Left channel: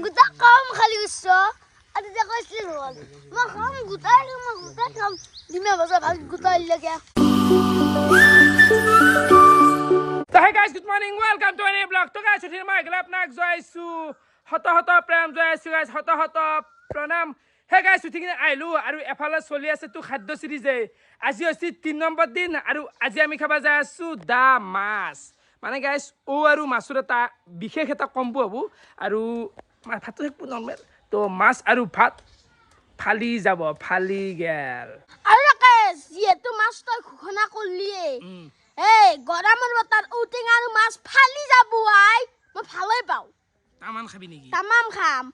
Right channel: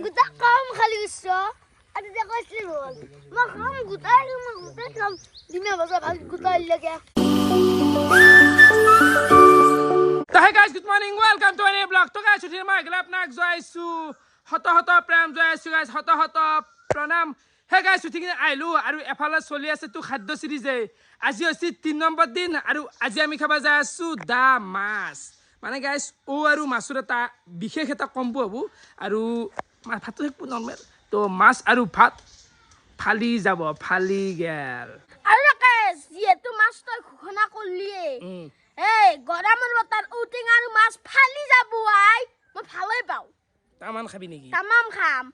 গোটা কাম খালি গৈছ আৰু এতিয়া কৈছিলি হ'ল মই কাম গোটাই কাম দিমে বজা ভাল গোটাই লাগে So hey guys, good morning. Welcome to a new vlog. So guys, today my grab nak joisu hota prem joisu guys hota pranam. Hey guys, today ailu aru efala choli ase tu khadyo series e. Aji hosi 3 number din aru aji ami khaba jai asu da mas. Mane guys, o aru masur eta bikhesh eta kombo hobo aru bhatu ekpu normal. To mas aru bhat phali jabo phali gel. আৰু case যেটো মাছ তই ঘুখনা কৰলিয়ে এই গৰমেৰ বতাৰ উটিং আৰু মাছ ফালি যাব আই মই ভালই পাও Taman khabi niki. তামাম খাম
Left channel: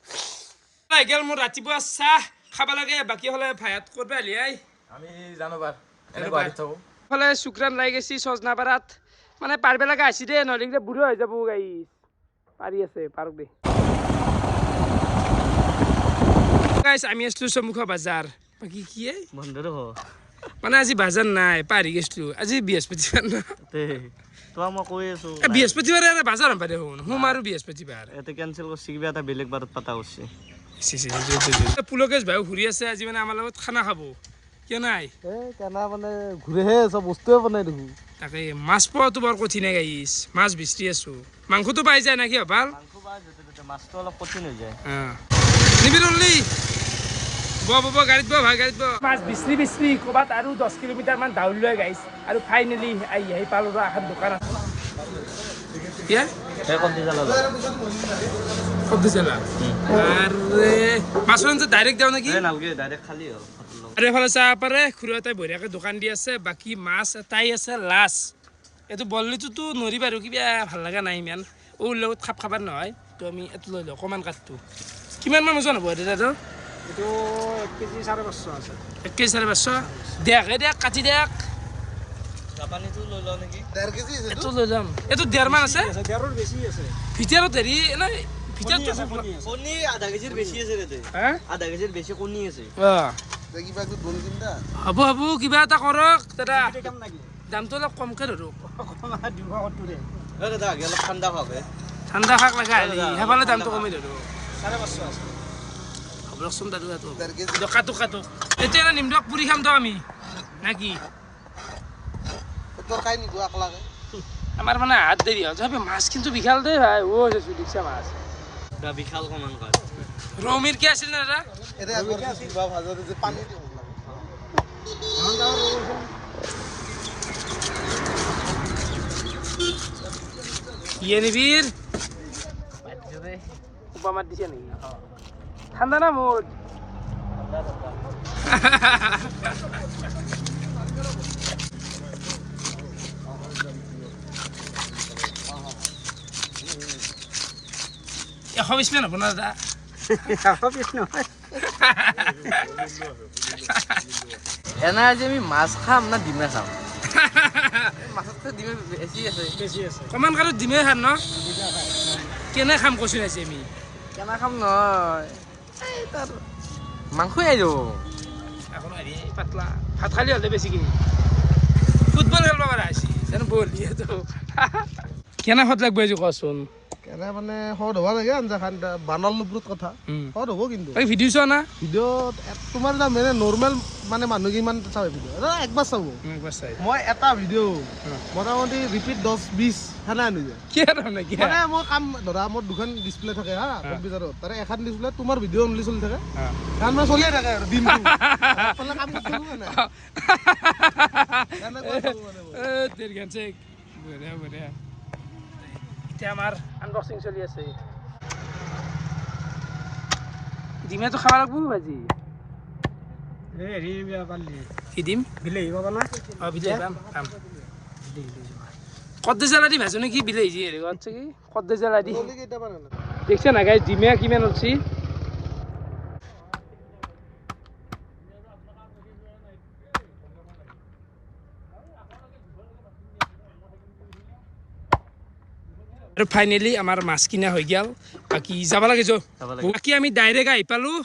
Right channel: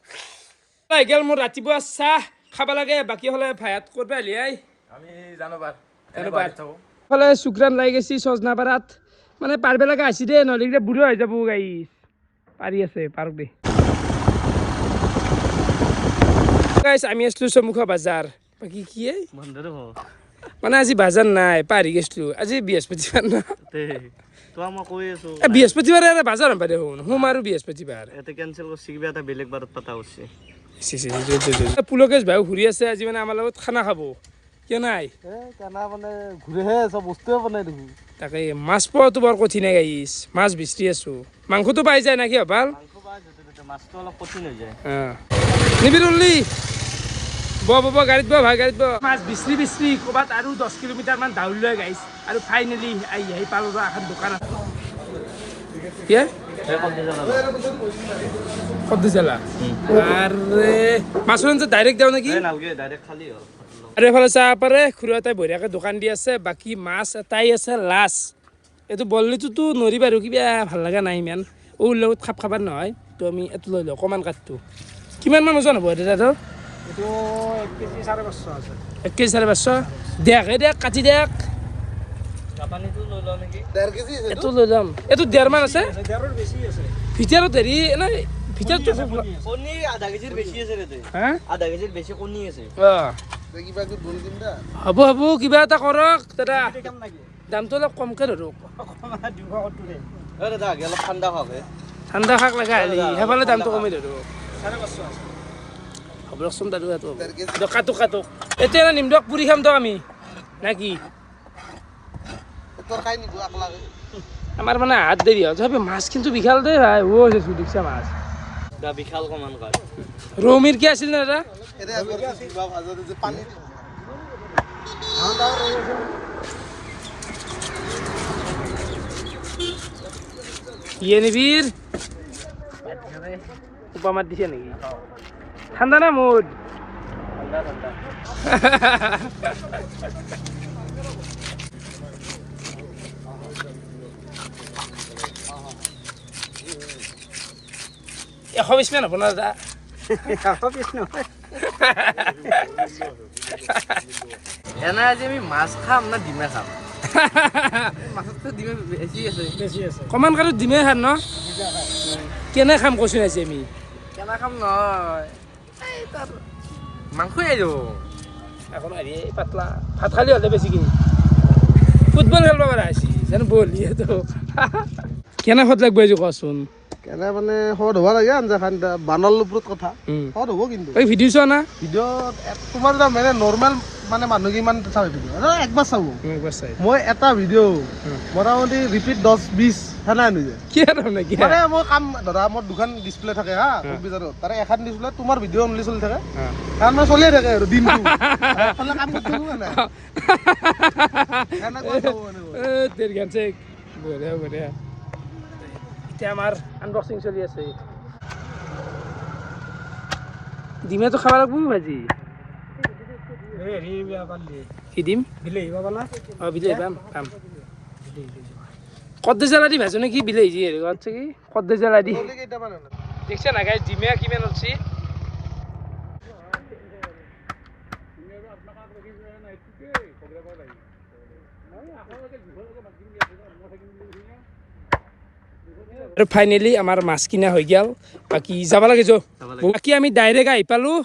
Ai gel mo ratipuwa sah khaba lage baki hole bhayat korbe ali ai. আমি জানোবার ফলে শুক্রান লাই গেছি সজনা পারাত মানে পারবে লাগা আসি দে নলিগলে বুড়ো হয়ে যাবো গাইস পারি আছে পারক দে গাইস আমি আসলো সমুখা বাজার বাকি কি বন্ধুরে হ মানে আজি বাজার নাই পারি গেছলো আজি বৃহস্পতিবার না তে তো আমা কই আছো বৃহস্পতিবার আর বাজার পারে হুন হুম আর বৃহস্পতিবার এতে ক্যান্সেল করছি কিবা এটা বেলেগ বাৰত পাতা করছি পুলকেশ ভাই ঘুরি আছে আজি মানে আমার লগত খানা খাবো কিয় নাই এ কেনা মানে ঘুরেহে সব বস্তুৱে বনাই দেখো তাকে মাছ পোৱাটো বৰ কঠিন গাইছ মাছ বিচৰি আছো মাংসটো পাই যায় নাকি ভাল মাংস বাই যেতে মাছটো অলপ কঠিন হৈ যায় নিবি ৰলি গাড়ীত ভাই গাড়ীত মাছ বিচৰি ক'ৰবাত আৰু 10 কিলোমিটাৰ মান দাউৰি লৈ গাইছ আৰু ফাইনেলি আহি পালো এখন দোকান আছে কি হে কমতি জালা সবজি চালা আৰে মাছৰ আঞ্জা ডাইৰেক্ট দিওঁ নেকি এ নালগে ডাইৰেক্ট খালি হ আৰু এফালে চাহ পাৰে খুৰী এটাই বঢ়িয়াকৈ দোকান দি আছে বাকী মাছ এটাই আছে লাছ এইটো বললিটোতো নৰি বাৰু কিবা ভাল লগা নাই ইমান লগত খাবাৰ নহয় তো আমি এইটো লৈ লওঁ অকণমান কাঠটো কিমান মান ওজন হ'ব দাদা এইটো 1 কেজি 550 আছে 1 কেজি 550 দেখ কাটি দেখ জাপানীটো লৈ লও নেকি 1.5 কেজি এইটো লৈ যাম এইটো 1.5 মান আছে দেৰৰ বেছি আছে ভিতৰত হেৰি নাই ভিতৰতো কণী আধা কেজিৰ বেছি আছে ৰে হা আধা কেজিৰ বেছি কণী আছে কিবা কি বল কিনদা হ'ব কিবা এটা কৰক দাদা কাম নাকি দামটো অলপ কমকৈ ধৰক 270 ৰে দাদা অলপ ঠাণ্ডা হবে ঠাণ্ডা শাক লগা হেৰি সেইফালে দামটো কমাই ধৰক 550 আছে হ'ব ৰকচোন দাদু কাটো এতিয়া নিম দিয়ক পুৰি খাম দিয়ক আমি নাকি তোৰ খাই নিদো আকলাগে আমাৰ মানে হাত দেৰি হ'ল তথাপি মাছ কিন্তু বিশাল দেই ভাই ও আছে দেখিছা মাছ দা বিশাল কমান কাট ৰৌ মিৰ্কি আছিল না দাদা এটা আগৰ কিবা ভাজা যে পানী ধান দাও ৰৈছে ইয়ে নিবিৰ উপামাত দিছে নেকি ঠাণ্ডা না মুড এশ 20 মান হ'ব না দাদা 120 নহয় এনা আজি আমি মাছ খাম না ডিমে খাম মাছতো ডিমে বেছি আছে কমান কাৰো দিমে খান ন কেনে খাম কৈছোঁ আজি আমি কেনা খাম নহয় এই তাৰ মাংসই আইলো এখন হেৰি পাতলা ভাত খালি হ'লে বেছিকৈ ফুটবল খেলিব পৰা হৈছে জানো বল ইয়েতো কেনে সোৱাদ লাগব আজি কচোন কেনা মানে হদ হ'ব লাগে আঞ্জা খান বানাল ওপৰত কথা হদ হ'ব কিন্তু এই ভিডিঅ' চোৱা না ভিডিঅ'ত তোমাৰ মানে নৰ্মেল মানে মানুহ কিমান চাই ভিডিঅ' একবাৰ চাব একবাৰ চাই মই এটা ভিডিঅ' মোটামুটি ৰিপিট 10-20 সেনা আনিছে কি আৰু নেকি মানে মই কাম ধৰা মোৰ দুখন ডিছপ্লে থাকে হা কম্পিউটাৰত তাৰে এখন ডিছপ্লে তোমাৰ ভিডিঅ' অনলি চলি থাকে কাৰণ মই চলিয়ে থাকে আৰু দিনটো এফালে কাম কৰি থাকো না এনেকুৱা চাব মানে তেৰ গানছে বঢ়িয়া এতিয়া আমাৰ আনবক্সিং চলি আছে ডিমেটো খাব লাগব ভাজি হেৰি বিয়া পালি কি দিম বিলাহী পাবা না বিলাহী পাম কদ্দে জ্বালা দি ভাজো নেকি বিলাহী যি হেৰি আছে কি কদ্দে জ্বালা দি দেখছে না গাইজ ডিমে কিমান উঠছি আৰু ফাইনেলি আমাৰ মাছ কিনা হৈ গ'ল বাকী যাব লাগে বাকী আমি ডাইৰেক্ট আহি পালোঁ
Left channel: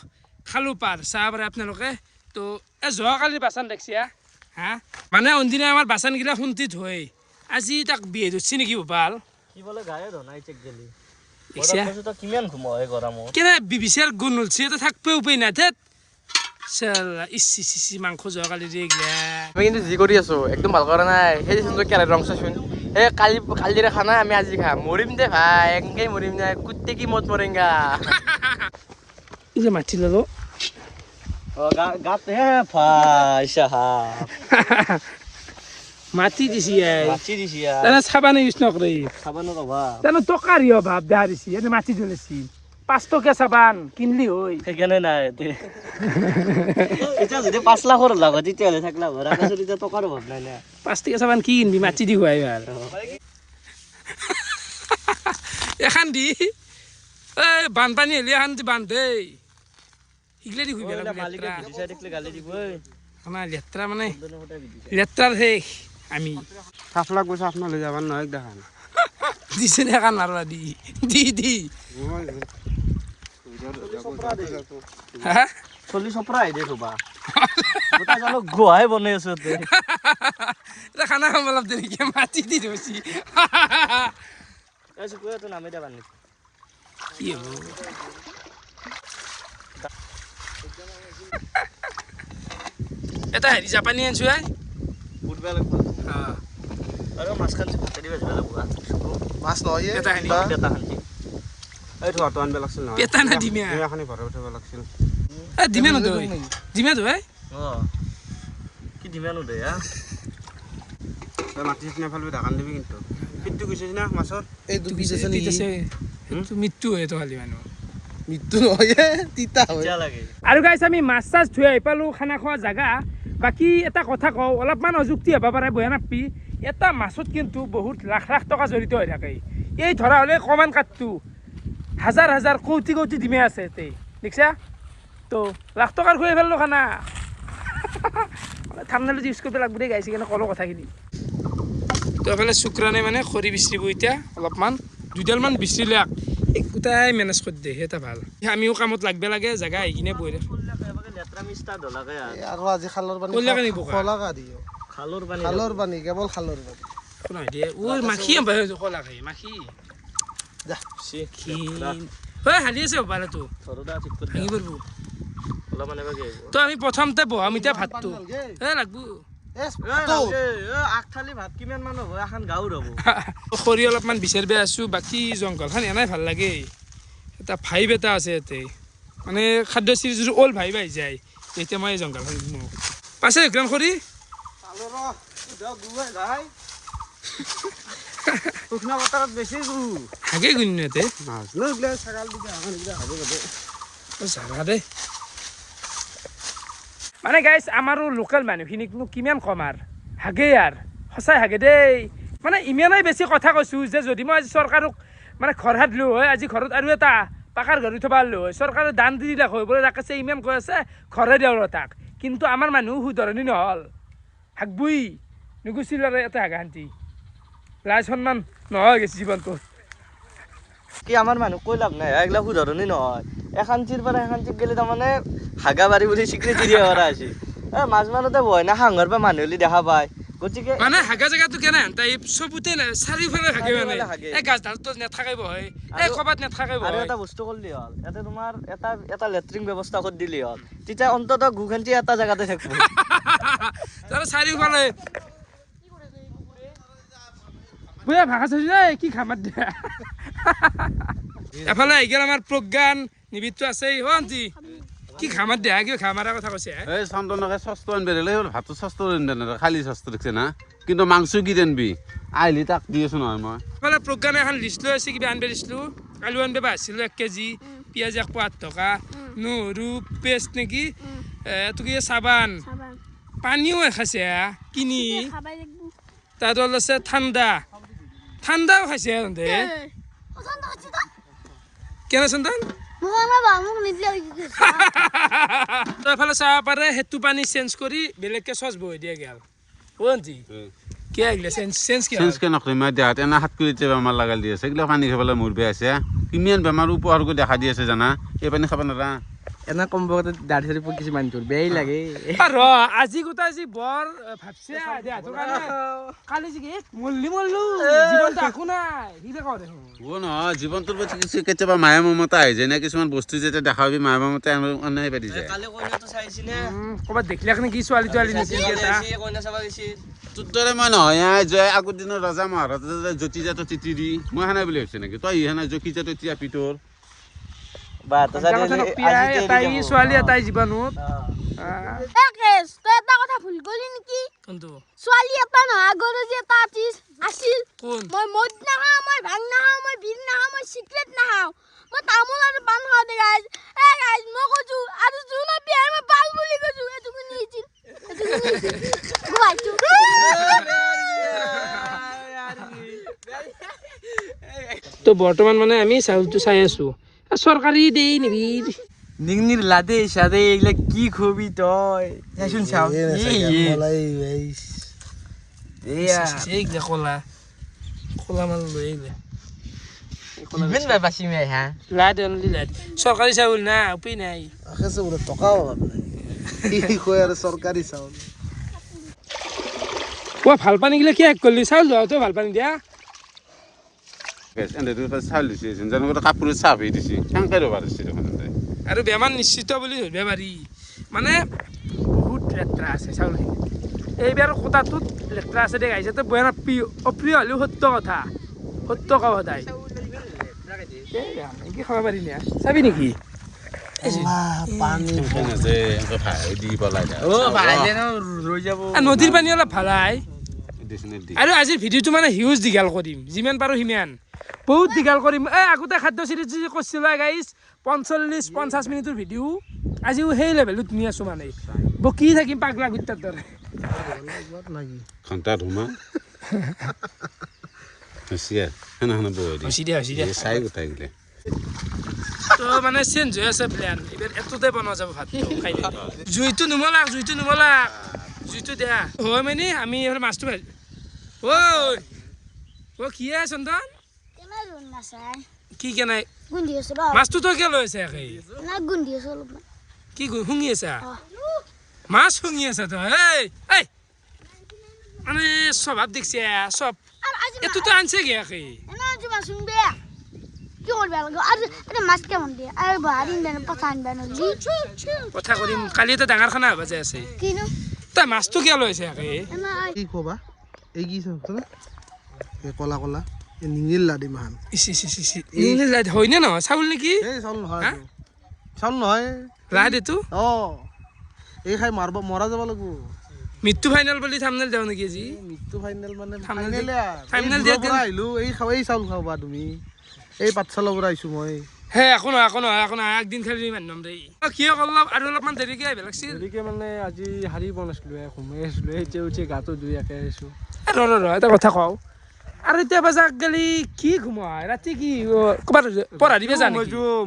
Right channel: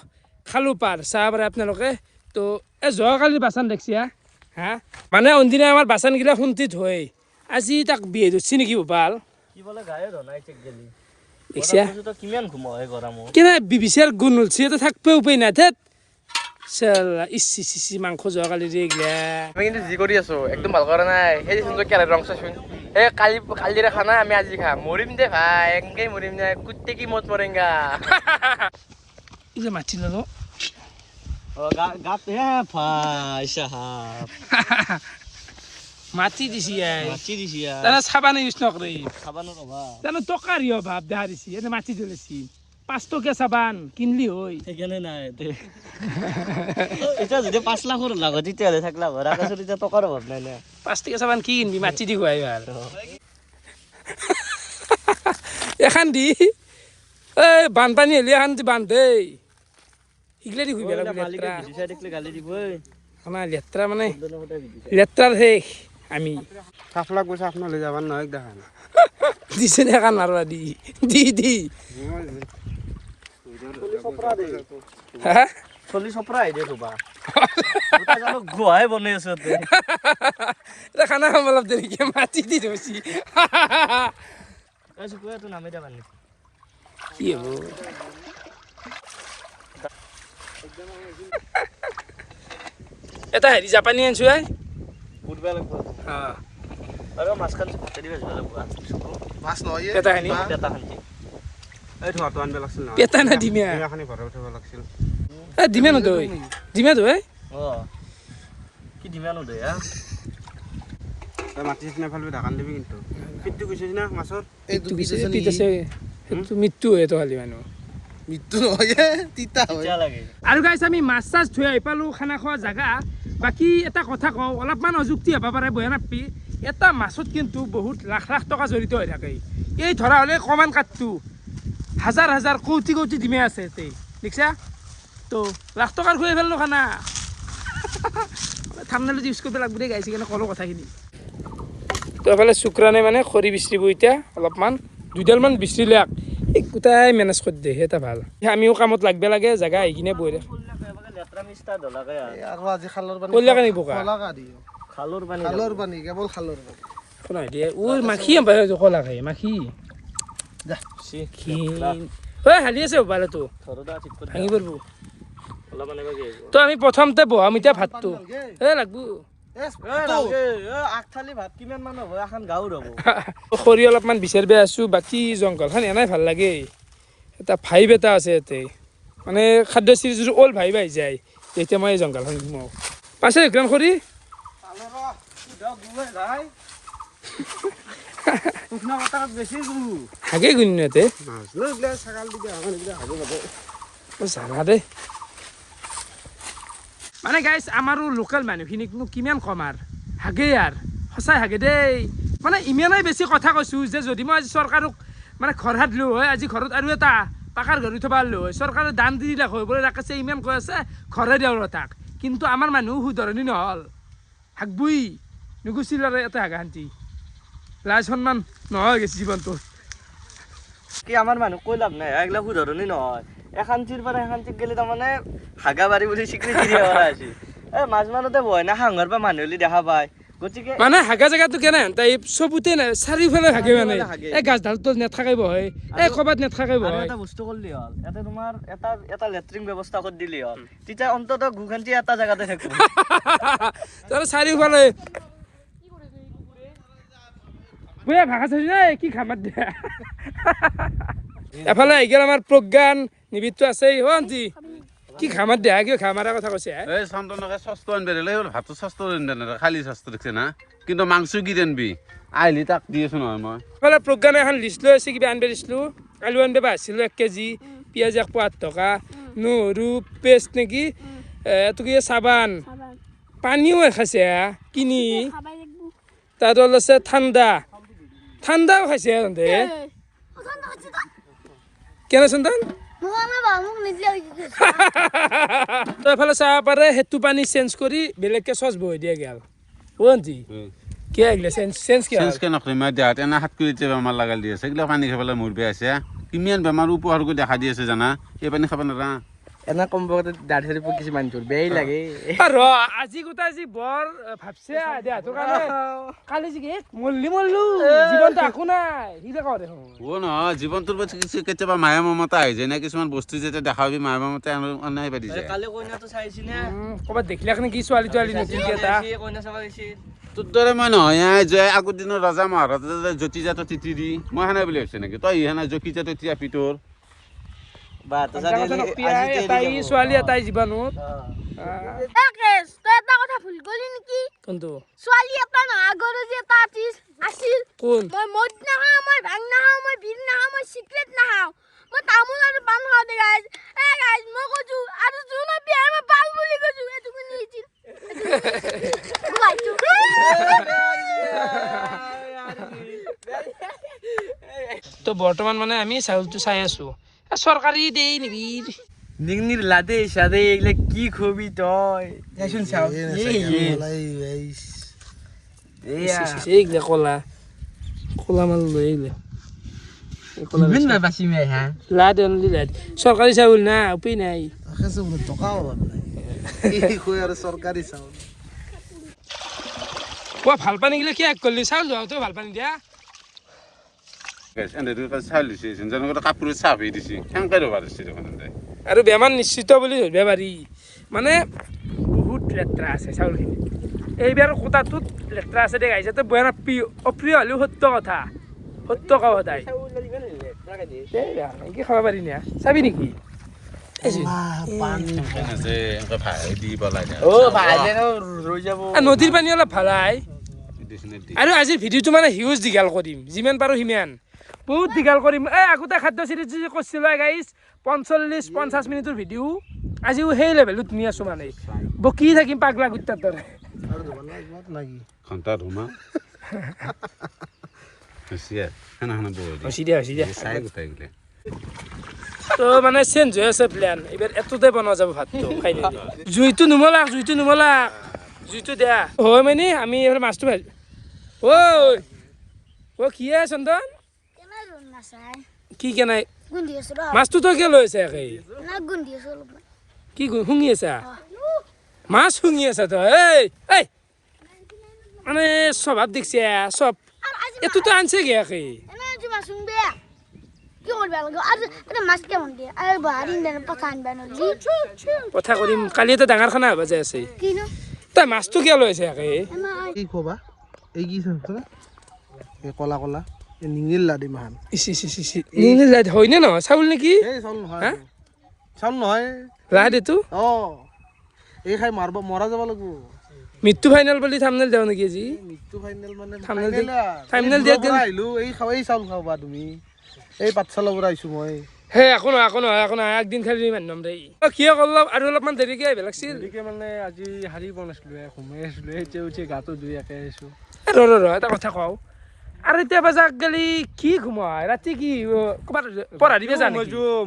খালো পাৰ চাহ পাৰে আপোনালোকে তো এই যোৱাকালি বাচন দেখছি হা মানে অনদিনা আমাৰ বাচনগিলা খুন্তি থৈ আজি তাক বিয়ে ধৰছি নেকি ভাল কি বলে গায়ে ধনাই চেক গেলি দেখছা কিমান ঘুমায় গৰমত কেনে বিবিচাৰ গুণ উলছি তো থাকবে উপায় নাই থেত চালা ইচ্ছি চিচি মাংস যোৱাকালি যে এইগিলা আমি কিন্তু যি কৰি আছো একদম ভাল কৰা নাই সেই সুন্দৰ কেৰাহীৰ ৰং চাচোন এই কালিৰে খানা আমি আজি খাম মৰিম দে ভাই এনেকেই মৰিম দে কুত্তে কি মত মৰেংগা এই যে মাটি ললো গাত হে ভাই সাহাব মাটি দিছি মাছি দিছি তানে চাবানে ইউজ নকৰে চাবানো ৰবা তানে টকাৰি অভাৱ দেখা দিছি এনে মাটি জ্বলাইছি 5 টকীয়া চাবান কিনলি হৈ সেইকাৰণে নাই এতিয়া যদি 5 লাখৰ লাগত তেতিয়াহ'লে থাকলা ঘৰ তাৰপিছত এতিয়া টকাৰ অভাৱ নাই না 5 টকীয়া চাবান কি কিনবি মাটি দি খুৱাই ইমান এখন দি এই বানপানী হ'লে এখন দি বান্ধ দেই সিগলা দি খুইবে লাগব লেত্ৰা আমাৰ লেত্ৰা মানে লেত্ৰাৰ শেষ আমি চাফ লাগব চাফ নহ'লে যাবাৰ নহয় দেখা নাই দিছে নে এখন মাৰবা দি দি হা চলি চপৰা আহি দে ৰবা গোটা জানো গুহাই বনাই আছে তে এটা খানা খাব অলপ দেৰিকে মাটি দি থৈছি এই চুকুৱে তো নামে দে বানি কি হ'ব এটা হেৰি জাপানী আনছো ফুটবা লাগব আৰু মাছ খান ভাতে দি ভাজিব লাগব মাছ নহয় পেটা খানি পেটা খান্তি এই ধোৱাটো আনব লাগছিল নহয় পেটা না ডিমা এখানি ঘৰে উঠাব লাগছিল ডিমা নদৈ ডিমা দৈ কি ডিমানো দে তই মাটি চিনা ফালবি ঢাকান দিবি কিন্তু পিঠটো গৈছে না মাছৰ এইটো কিছে পিত আছে সেইটো মৃত্যু হয় তো খালি মানুহ মৃত্যু নহয় তিতা হয় এতিয়া লাগে আৰু গাইছ আমি মাছ চাছ ধুই আহি পালোঁ খানা খোৱা জাগা বাকী এটা কথা কওঁ অলপমান অযুক্তি হ'ব পাৰে বহে নাপি এটা মাছত কিন্তু বহুত লাখ লাখ টকা জড়িত হৈ থাকে এই ধৰা হ'লে কমান কাঠটো হাজাৰ হাজাৰ কোটি কোটি ডিমে আছে ইয়াতে দেখিছা তো লাখ টকাৰ খুৱাই ফেললোঁ খানা থামনেলত ইউজ কৰিব লাগব দেই গাইছে কেনে ক'লোঁ কথাখিনি তো এফালে শুক্ৰানে মানে খৰি বিচৰিব এতিয়া অলপমান 2ডালমান বিচৰিলে এই গোটাই মেনেজ কৰি দিয়ে এটা ভাল আমিও কামত লাগব লাগে জেগা আহি কিনে বহি ৰাখ লেত্ৰা মিষ্টা দলাকে আৰু আজি খালৰ পানী কলিয়াকে নিব কা খলাকা দিও খালুৰ পানী খালৰ পানী কেৱল খালৰ পানী শুনাই দিয়ে ওই মাখি কলা খাই মাখি যা ক্ষীণ হয় হালি আছে মোবাইলতো ঘৰটা ঠিক কৰি ভাঙি পৰব অলপ মানে বাগে তো আমি প্ৰথমতে বহাম এতিয়া ভাতটো লাগব আগফালি ভাত কিমান মান হ'ব এখন গাঁৱৰ হ'ব খৰি অলপমান বিচাৰিব আছোঁ বাকী জংঘলখন এনেই ভাল লাগে এটা ভাইব এটা আছে ইয়াতে মানে খাদ্য চিৰিজ অল ভাইব আহি যায় তেতিয়া মই এই জংঘলখন ঘুমাওঁ পাছে গ্ৰাম খৰি শুকনা বতৰত বেছি হাগে গুণ ইয়াতে মাছ লৈ এইবিলাক ছাগাল দিবি আমাৰ এইবিলাক হাগে যাব জানা দেই মানে গাইছ আমাৰো লোকেল মানুহখিনিকনো কিমান কম আৰু হাগে আৰু সঁচাই হাগে দেই মানে ইমানেই বেছি কথা কৈছোঁ যে যদি মই আজি চৰকাৰক মানে ঘৰ হাত দিলোঁ হয় আজি ঘৰত আৰু এটা পাকাৰ ঘৰ উঠাব পাৰিলোঁ হয় চৰকাৰে দান দি দিলে হয় বোলে ৰাখিছে ইমান কৈ আছে ঘৰে দিওঁ ৰ তাক কিন্তু আমাৰ মানুহ শুধৰণি নহ'ল হাগবই নুগুচিল আৰু এটা হাগা শান্তি লাজ সন্মান নহয় গেছি জীৱনটোত কি আমাৰ মানুহ কৈ লাভ নাই এইগিলা শুধৰণি নহয় এখান্তিৰ পৰা এখান্তিক গেলে তাৰমানে হাগাবাৰী বুলি স্বীকৃতি দিয়া কৰা হৈছে মাছ মাৰোঁতে বয় না সাংঘৰ পৰা মানুহ দেখা পায় গতিকে মানে হাগা জেগাটো কেনে তাই চবুতে নাই চাৰিওফালে হাগে মানে এই গাছডালটো নেথাকিব হয় এই ক'ৰবাত নেথাকিব হয় এটা বস্তু কৰিলে হ'ল ইয়াতে তোমাৰ এটা লেট্ৰিন ব্যৱস্থা কৰি দিলে হ'ল তেতিয়া অন্ততঃ গুখান্তি এটা জেগাতে থাকিব তাৰ চাৰিওফালে বয়া ভাষা চাইছে দেই কি খামাত দিয়া এফালে আহি গেল আমাৰ প্ৰজ্ঞান নিবিত্ত আছে আন্টি কি খামাত দিয়া কিয় খামাৰা কথা কৈছে এই চন্দনকে চস্তু আনবি দিলে ভাতটো চস্তু আনবি খালি চস্তু দেখছে না কিন্তু মাংস কি আনবি আহিলি তাক দি আছো নহয় মই এফালে প্ৰজ্ঞানে এখন লিষ্ট লৈ আছে কিবা আনব দিছিলোঁ আলু আনব আহিছিলোঁ 1 কেজি পিঁয়াজ 1 টকা নহৰু পেষ্ট নেকি এইটো কি চাবান পানীও খাইছে কিনি তাত আছে ঠাণ্ডাও খাইছে তহঁতে কেনে চন্দন তো এফালে চাব পাৰে সেইটো পানী চেঞ্জ কৰি বেলেগকে চচ বহি দিয়ে গেল আন্টি কি আহিলে চেঞ্জ কি চেঞ্জকে নকৰি মই দেহাত এনে 7 কেজি বেমাৰ লাগাল দি আছে এইগিলা পানী খাবলৈ মোৰ বেয়া আছে কিমান বেমাৰ উপহাৰ কৰি দেখা দি আছে জানা এই পানী খাব নাৰা এনে কম বয়সতে দাঢ়ি চাৰি পকিছে মানুহটোৰ বেয়াই লাগে ৰ আজি গোটাই যি বৰ ভাবছে দেহাটোৰ কাৰণে কালি যি মল্লো জীৱনটো একো নাই সি কওঁ দেখোন নহয় জীৱনটোৰ প্ৰতি কেতিয়াবা মায়া মমতা আহি যায় না কিছুমান বস্তু যেতিয়া দেখা পাবি মায়া মমতা অনাই পাৰি যায় কালি কইনাটো চাইছিলে ক'ৰবাত দেখিলে কি ছোৱালী তোৱালী নেকি এটা কইনা চাব গৈছিল তোৰ দৰে মই নহয় যে আগৰ দিনৰ ৰজা মহাৰাজা জ্যোতি জাতৰ তিতিৰি মই সেনে বুলি ভাবিছে নেকি তই সেনা জকি জাতৰ টিয়াপি তোৰ এটাই ছোৱালী এটাই জীৱনত কেছ তই এটা কথা ভুল কৰিলি নেকি কোনটো ছোৱালী এটা নহয় আগৰ যে এটা আছিল কোন মই মদ নাখাওঁ মই ভাং নাখাওঁ মই বিন নাখাওঁ মই চিগাৰেট নাখাওঁ মই তামোল আৰু পাণ খাওঁ দে গাইজ মই কৈছো আৰু যোনে বিয়াৰ মই পাল বুলি কৈছো এইটো কোনে হৈছিল তো বৰ্তমান মানে আমি চাউলটো চাই আছো চৰকাৰী দেই নিবি নিংনিৰ লাদে সাদে এগুলা কি খবি তই শুন চাও এইগিলা কলা কলা মাল লৈ আহিলে বাচি মাই হা লাদ অনলি লাদ চৰকাৰী চাউল না উপায় নাই আখেছে বোলে টকা অভাৱ নাই কি কয় আৰু চৰকাৰী চাউল ভাল পানী গিলা কি কৰিলি চাউল যোৱাটো ভাল পানী দিয়া চাউল দিছে যেনেকৈ কাপোৰত চাহ ভি দিছে সেনেকৈ ৰ'বা দিছে দেখোন আৰু বেমাৰ নিশ্চিত বুলি ধৰিব পাৰি মানে বহুত লেতেৰা আছে চাউলখিনি এইবাৰ কোটাটোত লেতেৰা আছে দে গাইছে তো বয়া অপ্ৰিয় হ'লেও সত্য কথা সত্য কওঁ সদায় কি খাব পাৰি না চাবি নেকি নদীৰ পানী অলপ ভালাই আৰু আজিৰ ভিডিঅ'টো মানে হিউজ দীঘল কৰিম যিমান পাৰোঁ সিমান বহুত দীঘল কৰিম আগতে খাদ্য চিৰিজ যি কৰিছিলোঁ গাইজ 45-50 মিনিটৰ ভিডিঅ' আজিও সেই লেভেলত নি আছোঁ মানে বকি থাকিম পাগলা গুটাৰ দৰে তো মানে চেঞ্জ হৈ আছে প্লেন এইবাৰ এটোতে বনোৱা যাব ভাতটো খাই জুইটো নুমলাক জুইটো দিয়া হয় মানে আমি এইবাৰ মাছটো ভাজি কি চন্দন কি কেনাই মাছটো তই কিয় লৈ আছা কি শুঙি আছা মাছ শুঙি আছা তই এই মানে স্বভাৱ দেখিছে চব এইটোতো আনছে গিয়াকে কথা কৰিম কালি এটা ডাঙৰ খানা হ'ব যাই আছে তই মাছটো কিয় লৈ আছে কি কবা এই কি এই কলা কলা এই নিঙিল লাডি মাহান হয়নে নহয় চাউল নেকি এই চাউল নহয় লাড এইটো এই খাই মৰা যাব লাগিব মৃত্যু ফাইনেল বুলি থামনেল দেও নেকি আজি মৃত্যু ফাইনেল মানে থামনেল দিয়া আহিলো এই চাউল খাবা তুমি এই পাঠশালাৰ পৰা আহিছো মই হে একো নহয় একদিন খালি ইমান নম দেই কিয় অলপ আৰু অলপমান দেৰিকে আহিব লাগিছিল দেৰিকে মানে আজি শাৰী বনাইছিলো সোমাই আছিলো এতিয়া উঠি গাটো ধুই একে আহিছো ৰ এটা কথা কওঁ আৰু এতিয়া বাজাক গেলি কি ঘুমাই ৰাতি কি ক'ৰবাত পঢ়া দিবে জানো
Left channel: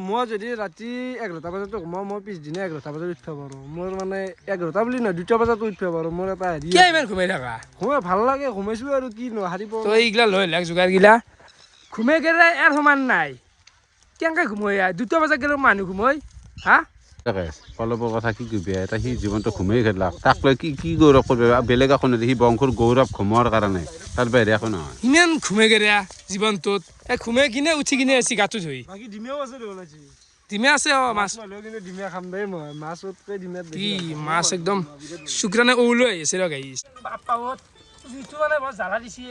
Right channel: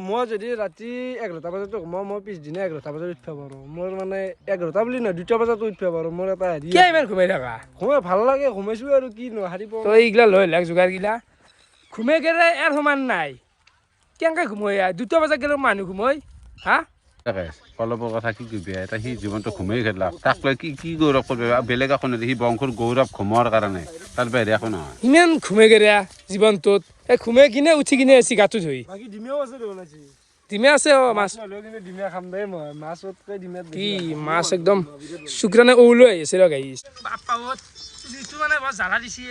মই যদি ৰাতি 11টা বজাত ঘুমাওঁ মই পিছদিনা 11টা বজাত উঠিব পাৰোঁ মোৰ মানে 11টা বুলি নহয় 2টা বজাত উঠিব পাৰোঁ মোৰ এটা হেৰি কিয় ইমান ঘুমাই থাকা ঘুমাই ভাল লাগে ঘুমাইছো আৰু কি হাৰি তই এইগিলা লৈ লাগ যোগাৰগিলা ঘুমাই গেলে এৰ সমান নাই কেনেকৈ ঘুমাই 2টা বজাত গেলে মানুহ ঘুমাই হা অলপৰ কথা কি কবি এটা সি জীৱনটো ঘুমাই খেলাক তাক লৈ কি গৌৰৱ কৰিব বেলেগ একো নাই সি বংশৰ গৌৰৱ ঘুমোৱাৰ কাৰণে তাৰ বাহিৰে একো নহয় ইমান ঘুমাই গেৰা জীৱনটোত এই ঘুমাই কিনে উঠি কিনে আছি গাটো ধুই বাকী ডিমেও আছে দেখোন আজি ডিমে আছে মাছ কিন্তু ডিমে খাম দেই মই মাছতকৈ ডিমে কি মাছ একদম শুক্ৰানে ওলৈ আহি আছে ৰ গাইছ বাপ্পাত যিটো মানে বৰ জ্বালা দিছি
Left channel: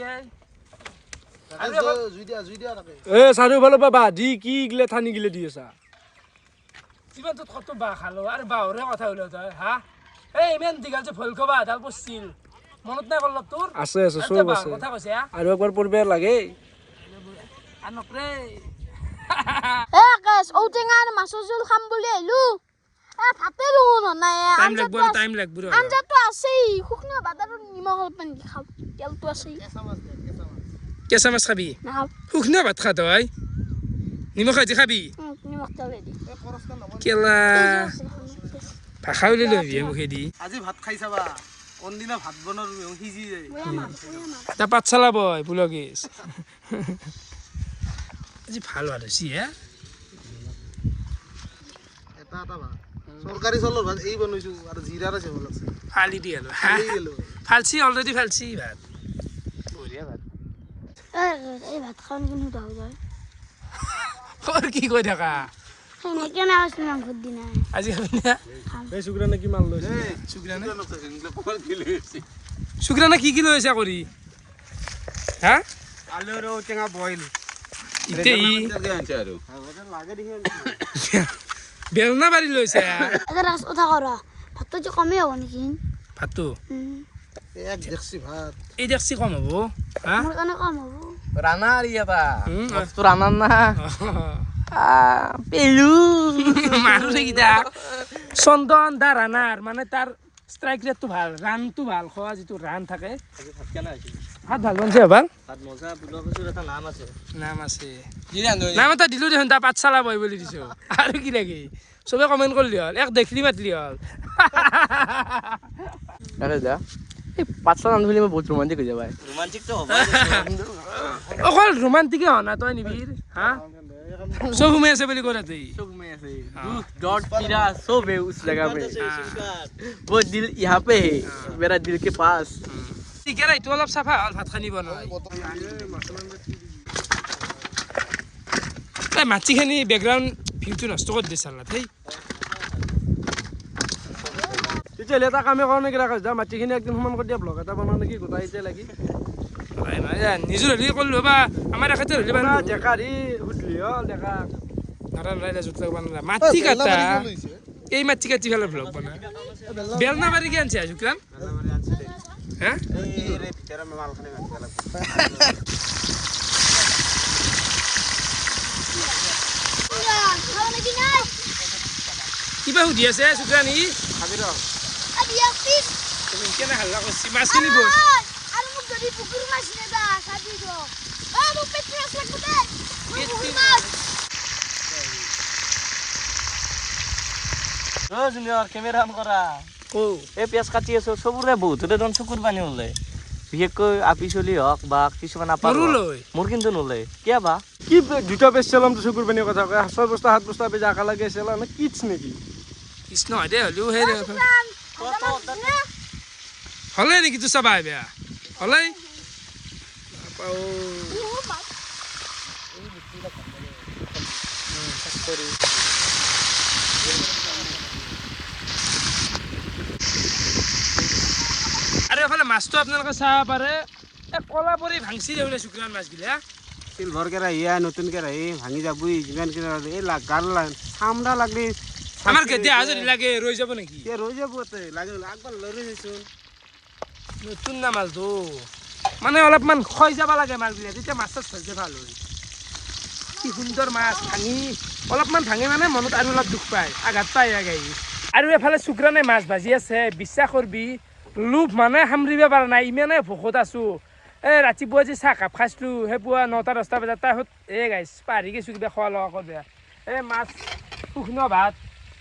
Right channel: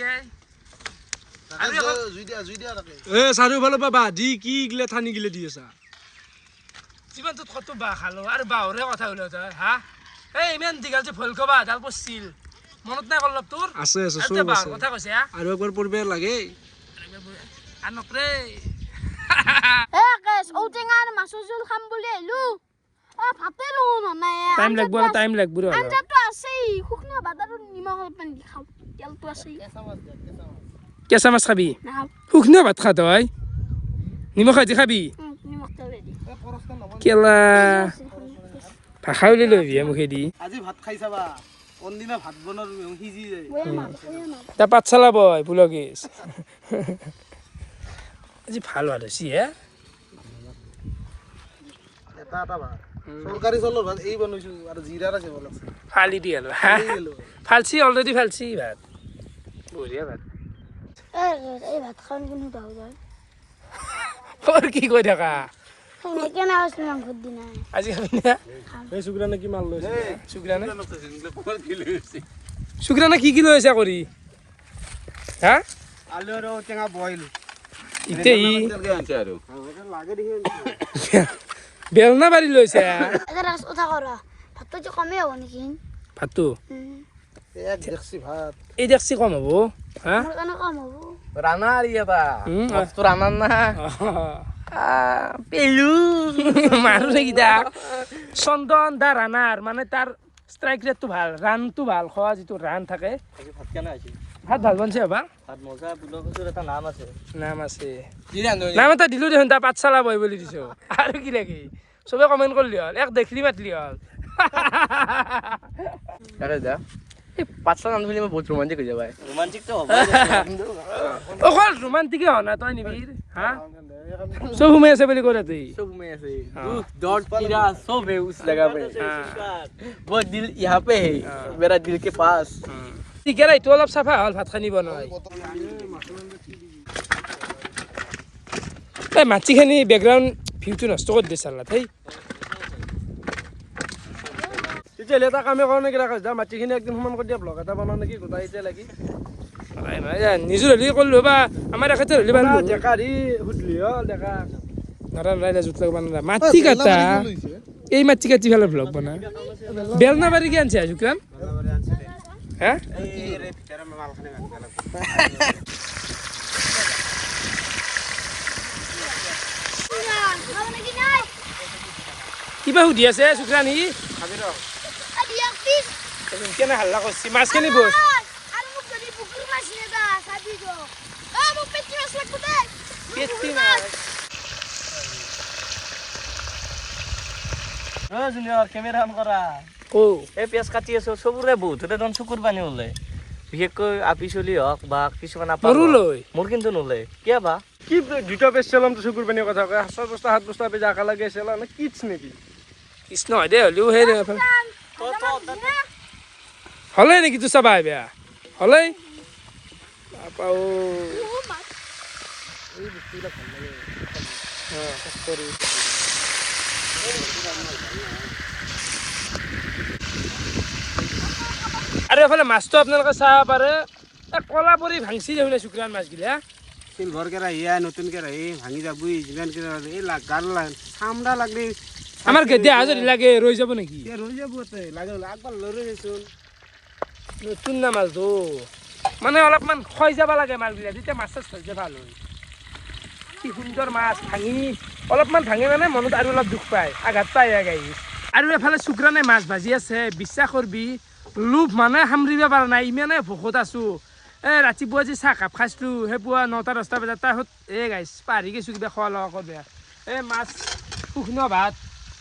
চাৰিওফালৰ পৰা বাঁধি কি গিলে ঠানি গিলে দি আছা জীৱনটোত কত বাঁহ খালো আৰু বাঁহৰে কথা ওলো তই হা এই ইমান দীঘল যে ভল খবা এডাল পৰছিল মনত নাই অলপ তোৰ আছে চব আছে কথা কৈছে আৰু একবাৰ পঢ়িব লাগে আৰু নকৰে ঔটেঙা আৰু মাছৰ জোল খাম বুলি আহিলো ভাতে টাইম লাগব আঞ্জাটো আছেই শুকনা ভাত আৰু নিমখ অলপমান খাম তেলটো আছেই কেঁচা মাছ খাবি নাখাম শুকনা ভাত খা তই নিমখ আজি খাবি নিমখ তেল দি কেলা ভাষা উলিয়াই লবি মুখেদি আজি ভাত খাই চাবা কোনদিনা ভাত বনাৰ সিজি যায় তা পাঠশালা বয় পুলগেশ আজি ভাল ভাত হৈছে এটা ভাত চৰকাৰী চাউলৰ ভাত এই বনাইছোঁ আৰু জিৰাৰ আছে ভাল লাগছে ফালি দি আৰু ফালছি অলৰেডি ফালছি ভাত বঢ়িয়া ভাত এই ভাত খাওঁ কিন্তু দাও যায় তোৰ কি কৈ থাকা সেনেকে না আছে মাংসৰ দিনা আজি খাবি না এই চুকৰানে কি মাল লৈছে চুকৰানে চুকৰানে কি লৈছে কৰি হা আলু আৰু টেঙা বইল ইতে ই আৰু লাগে দেখি বেলনা বাৰী লৈছে এটা ৰাস কথা কৰা ভাতটো যে কমেই হ'ব নেকি ভাতটো এক ডেকচি ভাত এই দেখছি কম হ'ব হা মোৰ কাৰণে কম হ'ব ৰানা আৰ ইয়াবা উম, তো ৰানাৰ না পেলু মাৰো নেকিটা চন্দন দা ৰাণাৰ মানে তাৰ ষ্ট্ৰাইক ৰেটটো ভাল ৰানটো ভাল খোৱা যিটো ৰান থাকে ভাত ভাল বনছে ভাল ভাত মজা বুলো কচুৰ এটা নাম আছে নাম আছে নাম এটা দিলোঁ দেখোন তাৰ পাঠশালা বই বুলি দিছোঁ আৰু কি লাগে চবে কমেণ্ট কৰিলি হ'ল এক দেখলি মাতলি হ'ল আরে যা এই পাঁচটা নাম ধরে বহুত রোমান্টিক হয়ে যাবে রোমান্টিক তো হবে অকল ৰোমান্টিকে হোৱা নাই তই নিবিৰ হা চব সোমাই আছে বুলি কৈ তুই सब में ऐसे डॉट कीड़ा सब है उस जगह पे वो दिल यहाँ पे है मेरा दिल के पास ঠিকে এইটো অলপ চাফা হ'ল ভাত খানি বনাই এই মাটিখিনি বেকগ্ৰাউণ্ড ভিউটো নষ্ট কৰি দিছে চালা থেই তেতিয়াহ'লে এটা কামে কৰোঁ নেকি ৰাখা যা মাটিখিনি একদিন সমান কৰি দিয়া ব্লগ এটা বনাওঁ নেকি গোটাই এতিয়া লাগি নিজৰ হ'লে কৰিলোঁ বা আমাৰ এখেতে হ'লে বান্ধলো ডেকা দি সুধলি হ'ল ডেকা নৰা নাই জোত লাগবা নৰা মাটি কাটা এই মাটি কাটি ফেলে ব্লগ বনা বেলনা বাৰী কি আনছে শুক্ৰান হা কিবা সুধি আছে শুক্ৰানী কেনে হাল্লা কৰিছে মাছখিনি বৈ আৰু মোক যদি পুকুৰ মাছ নেদা চাবি দ এই মোক পেট মাছ লাগব দে পেটি মাছ ও জুনিয়র ক্যামেরা অন করা ও এই পেঁয়াজ কাটি আছো সবৰে বহুতৰে দন চকুৰ পানী ওলাই বিশেষকৈ আপি চলি হওক বা কিছুমান আপা মোৰো লৈ মোৰ কিন্তু নোলাই কিয় বা কি দুটা পেজ চালাম তো চকুৰ পানীৰ কথা কয় 6 বস্তা 7 বস্তা পেজ আকা লাগে চালা নে কিটছ নেকি কৃষ্ণ হয় দে হ'লেও সেই হ'লে নেকি তোৰ চাবা বেয়া হ'লে আৰু এফালে মাছটো আপোনালোকে চাব পাৰে কলা পৰি ভাংচি দেখিলে শুক্ৰান মাছগিলা চিলভাৰ কেৰাহী নতুন কেৰাহী ভাঙি যাবই যিমান কেৰাহী এই গাল চামৰা লাগলি আমাৰ গেদে হাজৰি লাগে ৰৈ যাব নেকি ৰৈ যাব লাগে আগবাৰ লৈ গৈছিল নতুন না মাছটো মানে অলপমান খয় যাব লাগে মাছবিলাক তেতিয়া মাছটো ধৰিছে ভাল হয় কি সুন্দৰ মাছ ভাঙি অলপমান ভাঙি মানে মনত আৰু অলপ দুখ পায় আঘাত পায় গাই আৰু এফালে শুক্ৰানে মাছ ভাজি আছে বিশ্বাস কৰবি লোভ মানে সামৰিব পৰা নাই ইমানে ভোকত আছোঁ এই ৰাতিপুৱা যে চাহ কাপ খাইছিলোঁ সেই পুৱা 9টা 10টা বজাত তাৰপিছত এই গাইছ পাহৰি গৈছোঁ কিবা খোৱা লোৱা কৰিব এই মাছ শুকনো ভাত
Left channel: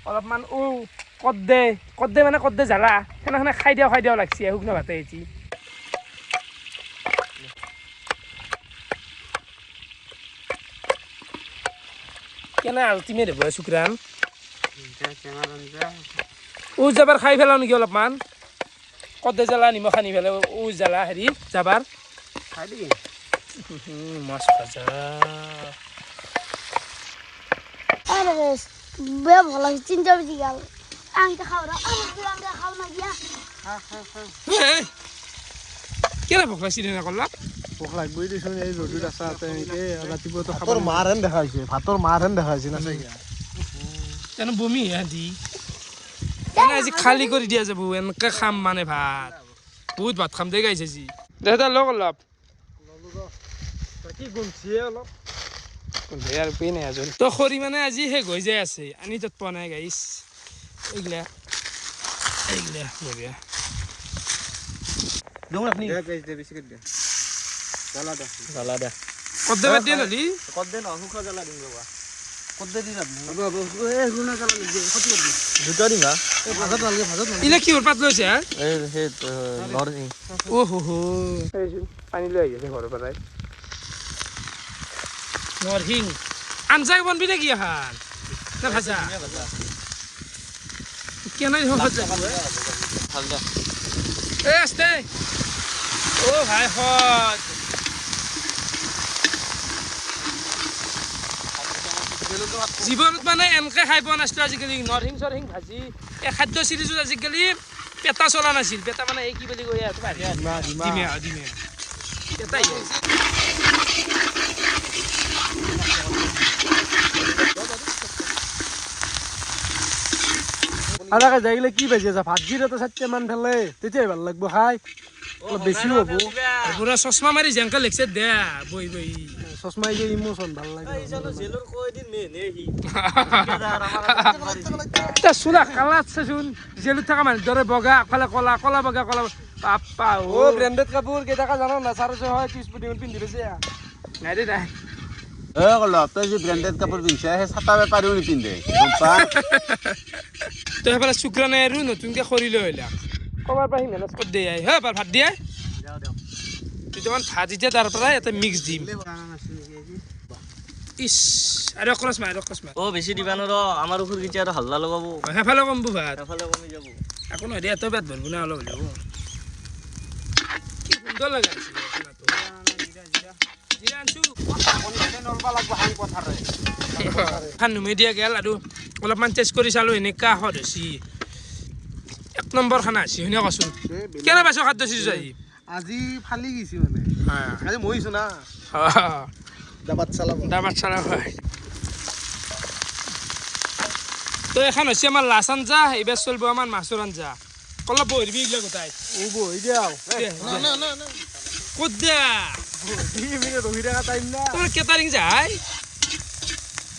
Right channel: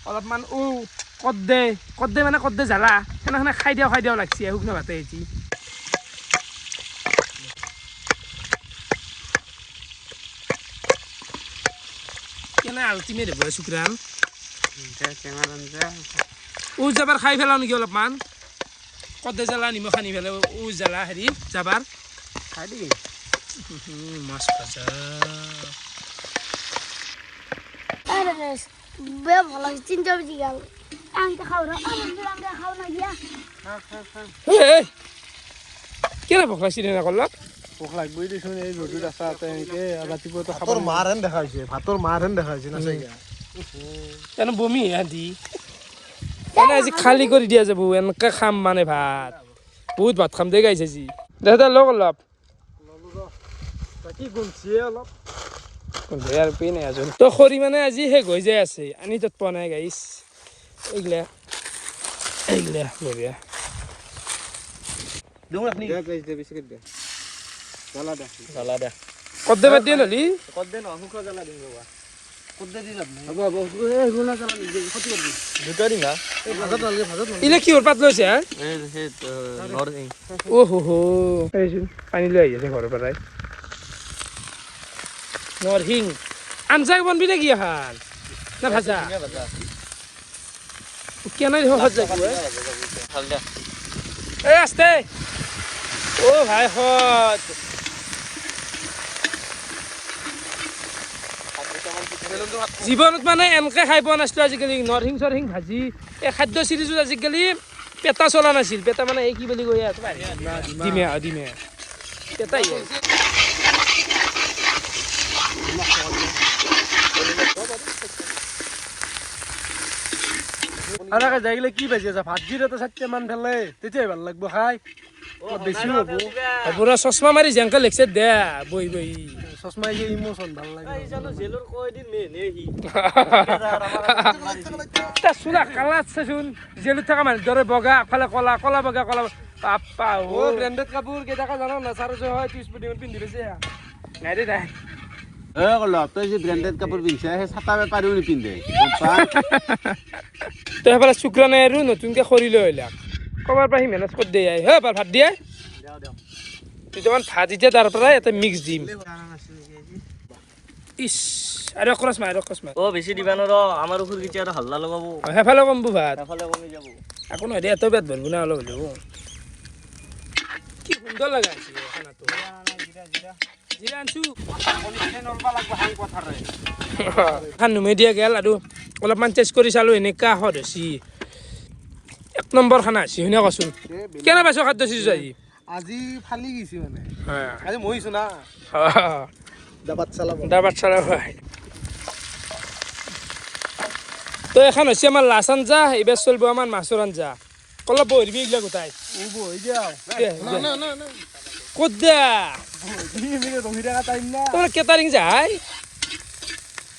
অলপমান কদ দে মানে কদ দে জ্বালা সেনেখনে খাই দিয়াও লাগছি শুকনো ভাতে এটি কেনে আল্টিমেট হ'ব শুক্ৰান যাবাৰ খাই পেলাওঁ নেকি অলপমান কদে জ্বালা নিমখ আনি পেলাই জ্বালা হেৰি যাবাৰ খাই দিবি মাছ ভাজা আরে বে ভালো চিন্তা বুঝি গেল আমি তো খাও না খাও না গিয়া কেনে ভোক লাগছি না কল্লা ভোক লাগবই দেচোন এই ৰ'দত আছা তেনেকে ৰাতিপুৱাতো খাব মাৰ হেন দেখাইছে ভাতৰ মাৰ হেন দেখাইছে না এনে বমি আদি এনে আজি খালী কৰি দিয়া যাব এনেকে খাম মানে ভাত বহুত ভাত খাম দে গাইছে আজি দে লগ অলপ কি গুণছিয়ে অলপ আৰু পেই নাই আজল তো খৰি মানে আজি শেষ হৈ যায় আছে আনি তাত পোৱা নাই গাইছ এইগিলা বঢ়িয়া কদ্দে বাদ দিয়ে নহলি ইলে কিহৰ পাত লৈছে হা পানী লৈ আহি আছে ঘৰৰ পৰাই নৰসিং আঞ্জা বনবি নেকি এখন না ভাজা কেনে সহজ যাব ভাল দে এই আস্তে ও ভাই হত জীৱনত মানে এনেকৈ খাই পোৱা নাছিলোঁ আজিকালি নৰসিং চৰসিং ভাজি এই খাদ্য চিৰিজত আজিকালি পেটা চলা নাছিল পেটা মানে এই কি বুলি কৈ ডিমে ডিমে পেটাই আদাকে যাই গেলে কি বাজি আছে ভাত জিৰ এটা 4মান ফেলে তেতিয়াই ভাল লাগব খাই অলপ বেছিও হ'ব পুৰা চশমা মাৰি জেংকা লেগছে দে বহি বহি চশমাই যে ইমোচন ভাল লাগে চোনা কালাৰ চাচোন জেলত থকা মানুহ দৰে বগা আগফালে কলা কলা বগা কলা পাপা ও ব্ৰেণ্ডেড কাপোৰ কেইটাকা জানো না 400 30 পৰ্যন্ত পিন্ধি লৈছে নাই দে নাই তই যে ব্ৰেণ্ডেড কাপোৰ পিন্ধিছা সেই চাটা বেপাৰীও নিপিন্ধে গম পা তই সেইফালে চুকৰা নাই আৰু নতুনকৈ খৰি লৈ আহিলাক ক'বাৰ পৰা সি মেনেজ কৰি দিয়ে হে এবাৰ ভাত দিয়ে দুটামান ভাত এতিয়া তাৰ পৰা এটা মিক্স দিম ইছ আৰু ক্ৰছ মাৰ অ বেছি দিবা নৰ আমাৰ উখুৰ কিটা আৰু হাল্লা লগাব সেইফালে কমবো ভাত এফালে কমি যাব একো নহয় দে এত পেট ভৰবো না অলপ হ'লেও কি সুন্দৰ লগাইছে খানাটো জিৰা আনছো খান নুমাই দিয়া গেল আৰু অলপমান টেষ্ট কৰি চালোঁ এনেকুৱা সদ হৈছি 1 নম্বৰ খানা হৈছি শুনে কচোন কেনে পাইছ খাদ্য চিজ আহি আজি ফালি গৈছি মানে আজি মহিছো না দাবাত চালা ভাই তো এখন হৈছে আমাৰ লাচ আঞ্জা এইবাৰ চলিব আমাৰ মাছৰ আঞ্জা অলপ বহিবি এইগিলা গোটাই বহি যাও ক'ত দিয়া ৰহি থকা টাইম না তোৰ কেটাৰিং যায়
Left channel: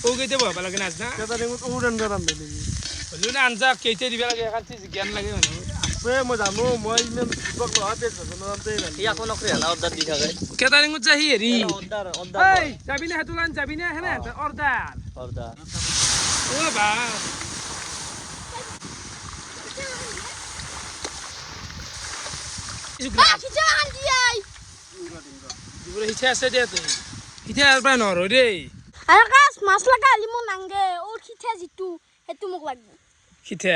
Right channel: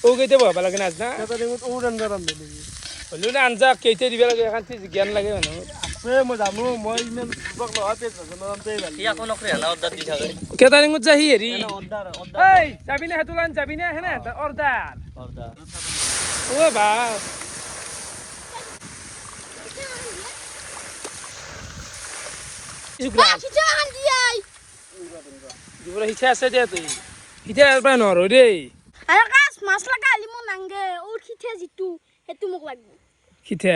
ও কেইটা বহাব লাগে নাজ না কেটাৰিঙত ৰান্ধে নেকি হ'লেও না আঞ্জা কেইটা দিব লাগে এখন জ্ঞান লাগে মানুহ আছে মই জানো মই ইমান নহয় পেট ভাজনতেই ভাল ই আকৌ নকৰি হানা অৰ্ডাৰ দি থাকে কেটাৰিঙত যায় সি হেৰি অৰ্ডাৰ এই যাবি না সেইটো লাইন যাবি না হেনে অৰ্ডাৰ ও বা দিবলে ইচ্ছা আছে দে তুই এতিয়া আৰু প্ৰায় নোৱাৰো দেই আৰু কাজ মাছ লগা আলি মোৰ নাংগে ও খিঠা যিটো সেইটো মোক লাগিব সিঠা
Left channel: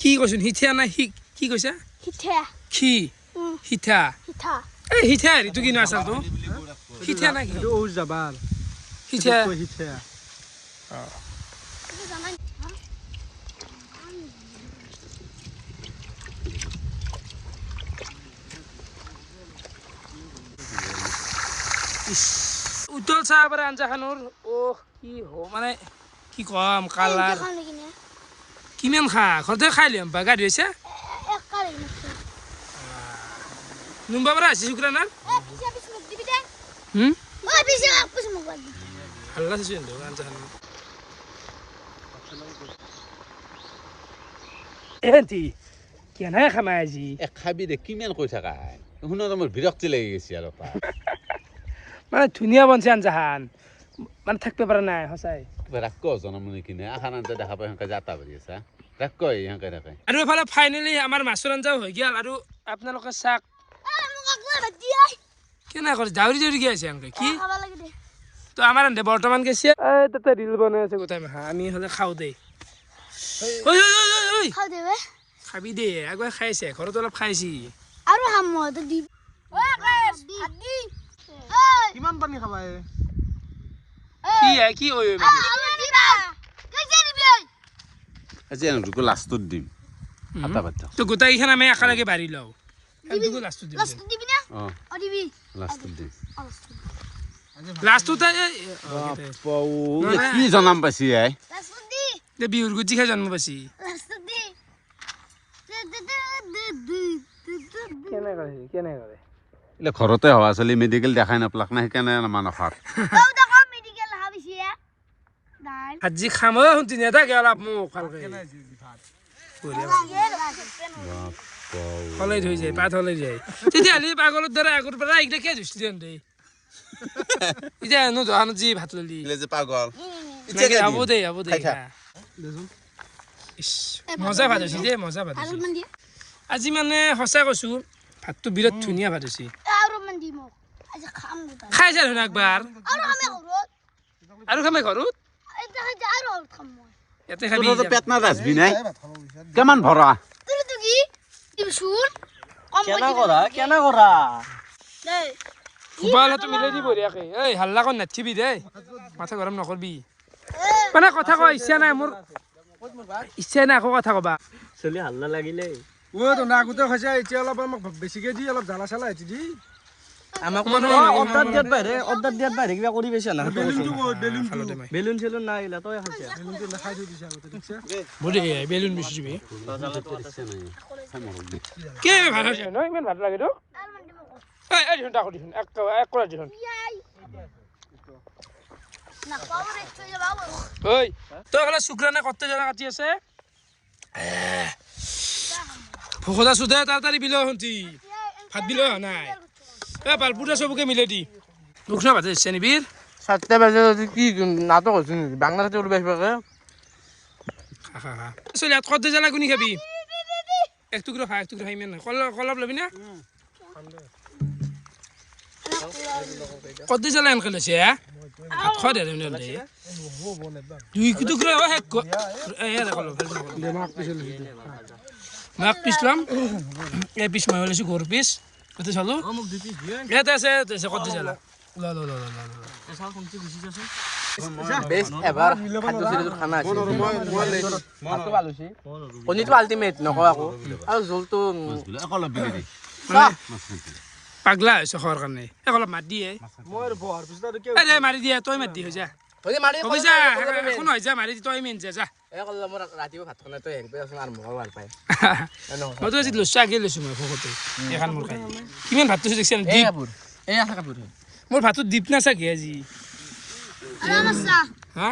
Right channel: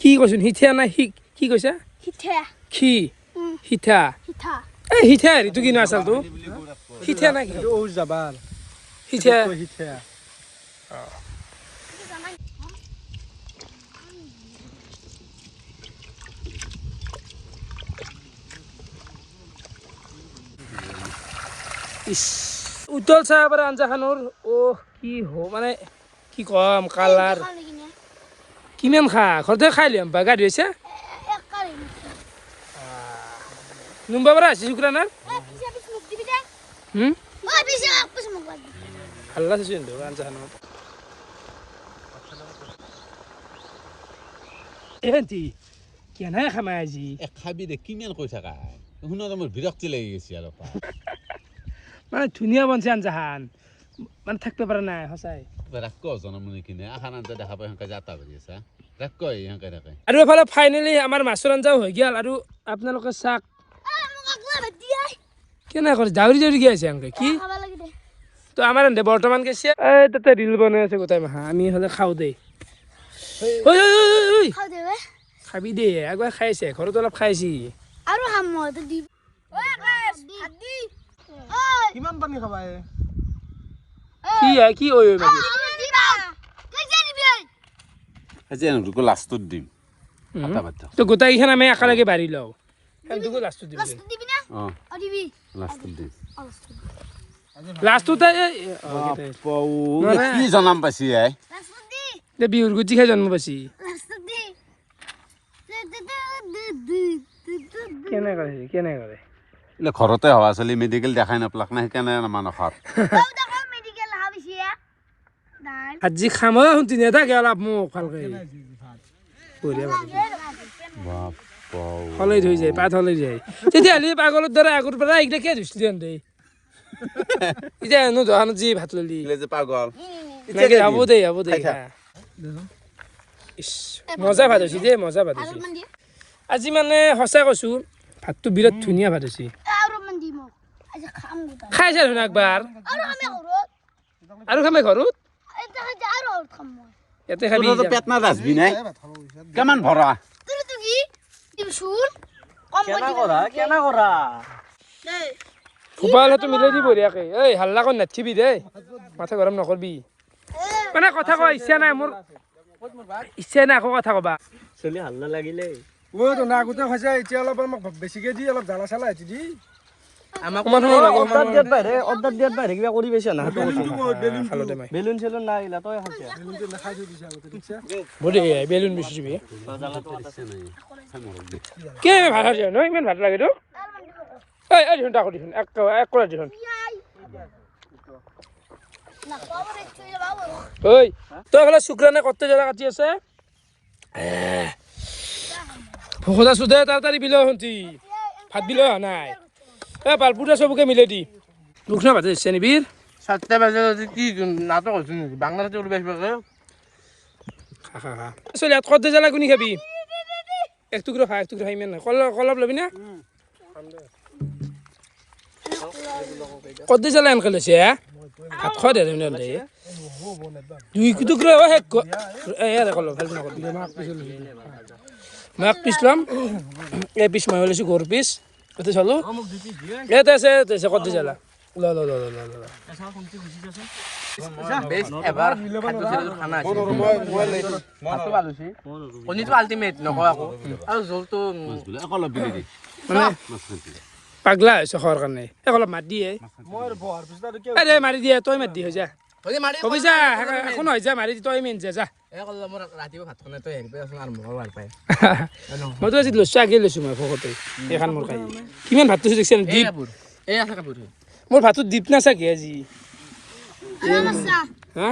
কি কৈছোন সিঠা নাই কি কৈছা খিঠা খি সিঠা খিঠা এই সিঠা হেৰিটো কিনো আচলটো সিঠা নাই কি ঔ যাবাৰ সিঠা সিঠা উতল চাহ পাৰে আঞ্জাখনৰ অ কি মানে কি কম কালাৰ কিমান খা ঘৰতে খাই লিয়াম বা গা ধুইছে নুম্বা পৰা আছে শুক্ৰানাৰ হাল্লা চাইছো কিন্তু আঞ্জাখনৰ এহেঁতি কেনে খামাই আজি খাবি দে কিমান কৈ থাকা শুনোতে মোৰ বিৰক্তি লাগি গৈছে আৰু মানে ধুনীয়া বনছে আঞ্জাখান মানে থাকিব পৰা নাই সঁচাই ৰাখ জনমনি কিনে আখান আঞ্জা দেখা পাই সেনেকে যাতা কৰি আছা ৰাখ সেনেকে থাকে আৰু এফালে ফাইনেলি আমাৰ মাছৰ আঞ্জাও হৈ গ'ল আৰু আপোনালোকে চাওক কেনে কৰি ডাউৰি ডাউৰি গৈ আছে এনেকে কি তো আমাৰ এনে বৰ্তমান গৈছে এই তাতে ৰিল বনাই আছে গোটাই মাহা আমি হ'লে খাওঁ দেই ঐ খাবি দে আগুৱাই খাইছে ঘৰত অলপ খাইছি আৰু হাম দি কিমান পানী খাবা কি ঐ মাগি আজি এওঁলোকো লাষ্টত দিম আটা ভাত তো গোটাইকেইখন আমি একেলগে বাঢ়ি লওঁ এওঁলোকো লাষ্টত দিম অঁ লাষ্টত দিম লাষ্টতে কি জনাম পাইছি বিহুৰ গুটি খাই জন্ম পাইছি কেনে কৰে ঘৰতে হোৱা ছোৱালী মেডিকেল দেখাই নাপালাক না সেইকাৰণে মানসত আজি খাম শুনতি নেথাকে অলপ মোক ভালকে হলাই থৈ যায় পাত হলাই যায় তেতিয়াহ'লে পাগলৰ দৰে আগৰ পৰা এইকেইটা কিয় ধুইছিলি দেই এতিয়া নোধোৱানো যি ভাত ললি পাগল নাকি হ'ব দে খা ইছ মজা ভাত হৈছে দেই মজা ভাত হৈছে আজি মানে সঁচা কৈছোঁ ভাতটো বিৰাট ধুনীয়া ভাত হৈছে খাইছা দেখোন একবাৰ আৰু খামে ঘৰত ইয়াতে খাবি তোৰ পেট না ৰাজবি নাই কিমান ভৰা তুই কি শুন কম কেনা কৰা গোপালটো মিলাই দি বঢ়িয়াকে এই হাল্লা কৰি নাথিবি দেই মাথা গৰম নকৰবি মানে কথা কোৱা ইচ্ছা নাই মোৰ ইচ্ছা নাই আকৌ কথা কবা চলি হাল্লা লাগিলে ও তো না আগতে খাইছে এতিয়া অলপ আমাক বেছিকে দি অলপ জ্বালা চালা এটি দি আমাক অৰ্ডাৰ দিয়াত বাহিৰে কিবা কৰি পাইছা না বেলুন চেলুন নাই এইগিলা তই খাইছা বেলুনটো নাখাই থৈ দিছে আগতে ঠিকছে বঢ়িয়া বেলুন বেছি দিবি কে ভাত আছে ন ইমান ভাত লাগে তো এই এই দেখোন তাকো দেখোন এক কৰা দেখোন না খবৰ একটু যাবো ঐ তই এফালে শুক্ৰানে কতে জ্বালা কাটি আছে ভোকতা চুধে তাড়াতাড়ি বিল শুনতি ভাত বিল হোৱা নাই এ পালপুটা চবকে মিলাই দি দুখ না ভাতে ইচ্ছা নিবিৰ 7টা বাজে কি নাটক হৈছে নেকি বাংলাতে উলবাই পাকে চলি ইয়াত কতে জ্বালা কোনি খাবি এক টুকৰা খাই ইমান নাই কলপ ল'বি না কতে জ্বালা এনেকে লৈছে ভাত খোৱা দে দুই টুকৰা শেষ কলপ মাক পিছ ল'ম এই পিছ মই লৈছোঁ গৰুৰ পিছ কতে চালোঁ ইয়াতে আছে কতে জ্বালা ল এবাৰ খাদ্য চিৰিজৰ খানা আছে ভাতটো ভাল হৈছে কণীটো আল্টিমেট নকওঁ আকৌ আৰু জোলটো মানে পাগলা হৈছে খোৱাৰ কাৰণে অলপ মাত দিয়ে আৰে মাৰি দিয়ে তই মাত দি হৈ যা কবি যা একো নহয় যা মাৰি দি তই মেইন যা ৰাতিপুৱা ভাত খানা তই হেৰি পাই আৰু মঙল ভাল পায় মইতো আজি লৈছোঁ আগে লৈছোঁ মই ভকতে এইখন মোৰ খাই কিমান ভাতটো দেখিছে দীপ এই আছে কাপোৰ মোৰ ভাতটো দীপ নাচাকে আজি আমাসা হা